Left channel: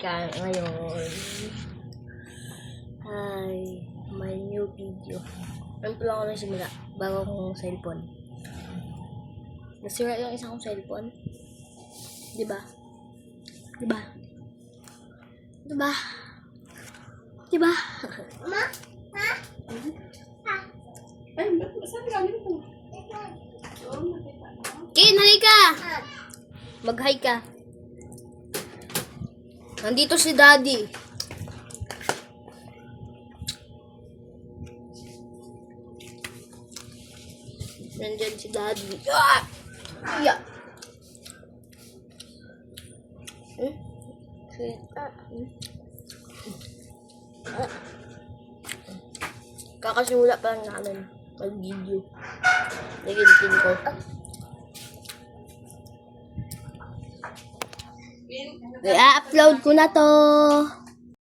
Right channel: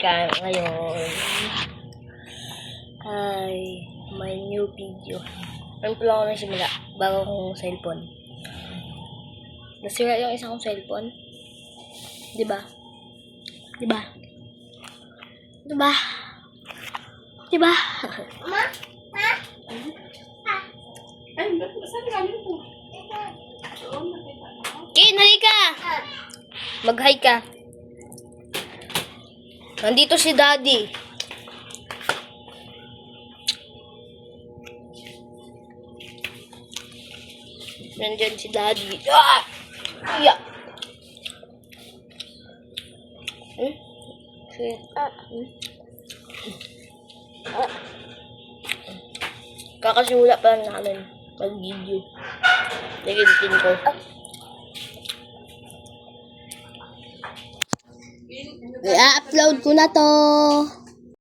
Ngayon ay may new video. Ano pala ako nagsimula? Bago kong cellphone. Nasira yung isang kong cellphone. Diba? Diba? Diba? Diba? Ma? Ha? Ay, saan ka nito? Kin, halika! Mag-hi ka. Nandito si Daddy. Nandyan si Daddy. Ah! Yeah. Kakasimula pa lang namin mag-video. Nagintin ko. I-upload ko na to.